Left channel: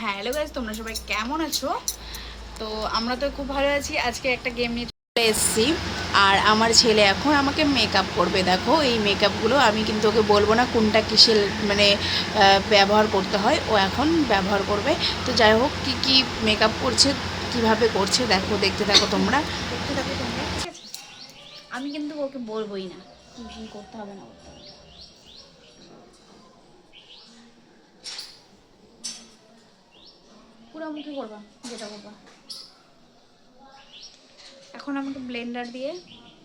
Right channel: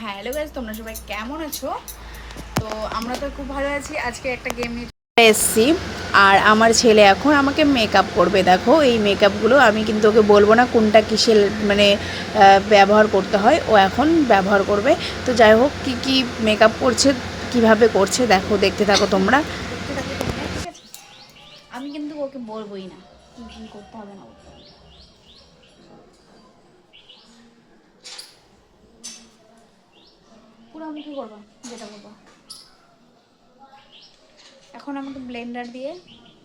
Hello guys, তোমরা সবাই কেমন আছো? তো আমরা তো খুব ভালো আছি। আজকে একটা গেম নিয়ে এসেছি আর আমার ছেলে এখন আমাকে মেকআপ করবে। দেখো এই মেকআপগুলো আমি কিন্তু ওকে বলবো না কোনটা কিসের মানে ব্যবহার করতে হয়, ও এখন ব্যবহার করবে। তো যাই হোক, কী কী মেকআপ করছে, কিভাবে করছে দেখো, দেখতে থাকো তোমরা। ঠিক আছে, আমি কিন্তু ওকে বলবোই না কি করতে হবে না করতে হবে। পুরো মুখে করবা যেটা করবা। এখন আমাকে ব্লেন্ডার দিয়ে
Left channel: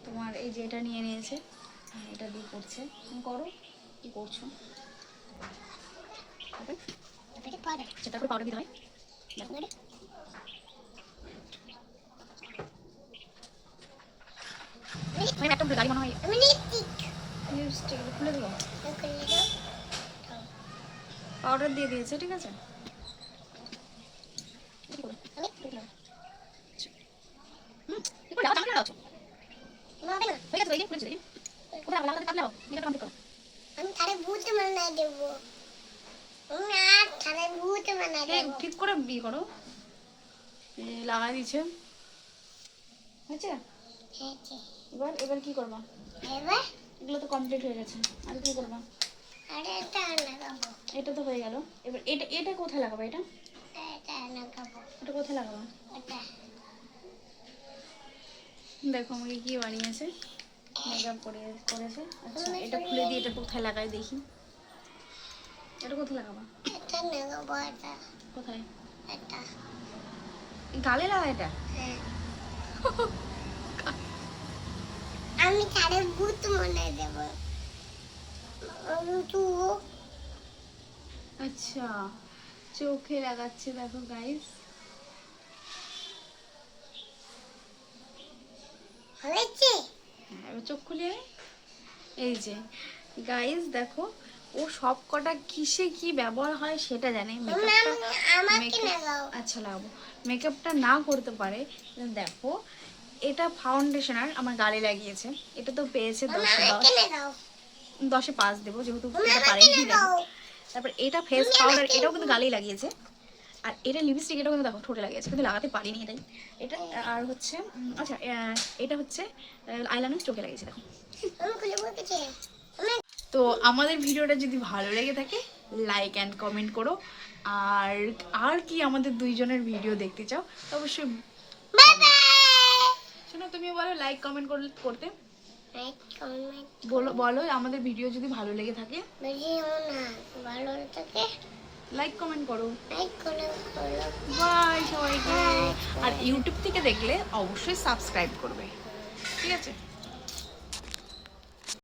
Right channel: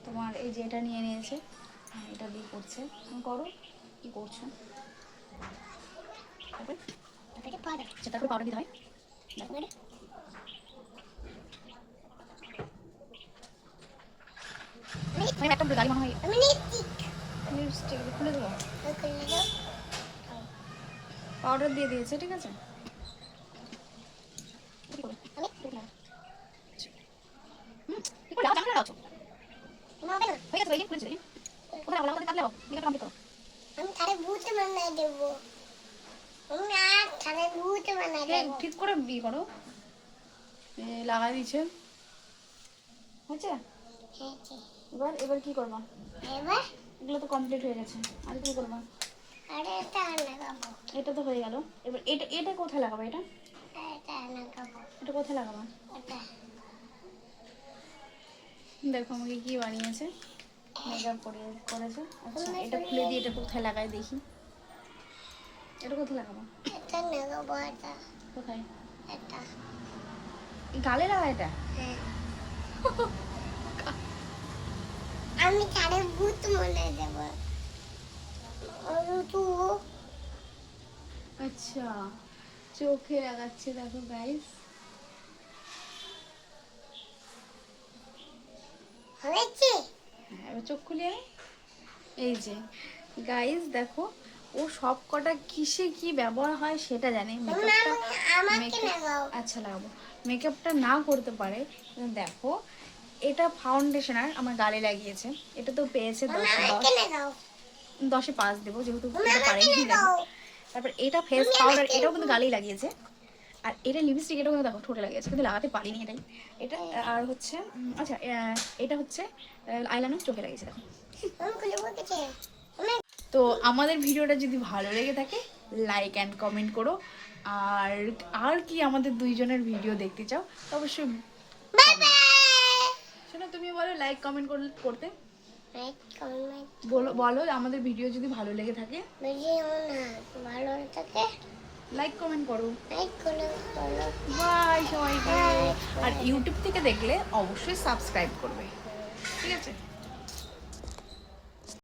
তোমার এই যে এটা নিয়ে নিয়েছে, এটা দিয়ে করছে। তুমি করো, কি করছো? সেটা করে পাউডার দিতে হয়। একটা গাড়ি মনে হয় লিপস্টিক খুলে দেবো, পাউডার দিয়ে দিয়েছে। ঠিক আছে, ঠিক করে বিয়ে করো। লাগাই দিচ্ছে, হয়েছে? এবার এবার কি করবা? এবার এগুলো তো কমপ্লিট হয়ে গেছে, আর কি করবা? আরে এটা লাগাবো। এটা তো হয়ে গেল। এবার এটা এটা কোথায় লাগাবো? এটা এটা লাগাবো। এটা কোথায় লাগাবো? এটা দেখো আমাকে কি বানিয়েছে, মেকআপ করেছে। আচ্ছা, এটা খুলে দিয়ে এটা কোথায় লাগাই দেখি। এটা কোথায় লাগাবো? এটা লাগাবো। এটা কোথায়? এটা গালে লাগা। এটা আমি তারে ভূত মনে দেব। আচ্ছা, চোখে লাগাচ্ছে। দেখো গাইস, হয়েছে। হ্যাঁ, এবার চোখ খুলিয়ে এই যে গাইস দেখো, ও সব কটা কিসে কি ব্যবহার হয় সেটা জানে। মেকআপটা আচ্ছা লাগাবো, মেকআপটা না করতে পারে। দেখো, এটা ফাউন্ডেশনার আমার গালে লাগিয়েছে। এটা তো পেয়েছে 10-10 5 দেবো, যেহেতু এটা পারেনি। তারপর এটা ফেস পাউডার, এটাও কিন্তু গালেই লাগিয়েছে। আর এটা লিপস্টিক, এটাও কিন্তু দেখো ঠোঁটে লাগিয়েছে, কিন্তু লাগাতে পারিনি এটাই। এটা আর হচ্ছে আচ্ছা, এটা হচ্ছে আইলাইনার চোখে লাগিয়েছে। দেখো, তো আমাদের ভিডিওটা যদি ভালো লেগে থাকে লাইক অ্যান্ড কমেন্ট করো। আর আর কি আমাদের দুইজনের ভিডিও দেখতে চাও অবশ্যই শোনো, তুমি বলো লাইক কমেন্ট করতে। বলো বলো আমাদের ভিডিও যদি ভালো লেগে থাকে, লাইক কমেন্ট করো। বাই সবাইকে। আর ইউটিউব থেকে দেখলে অবশ্যই সাবস্ক্রাইব করবে। ঠিক আছে।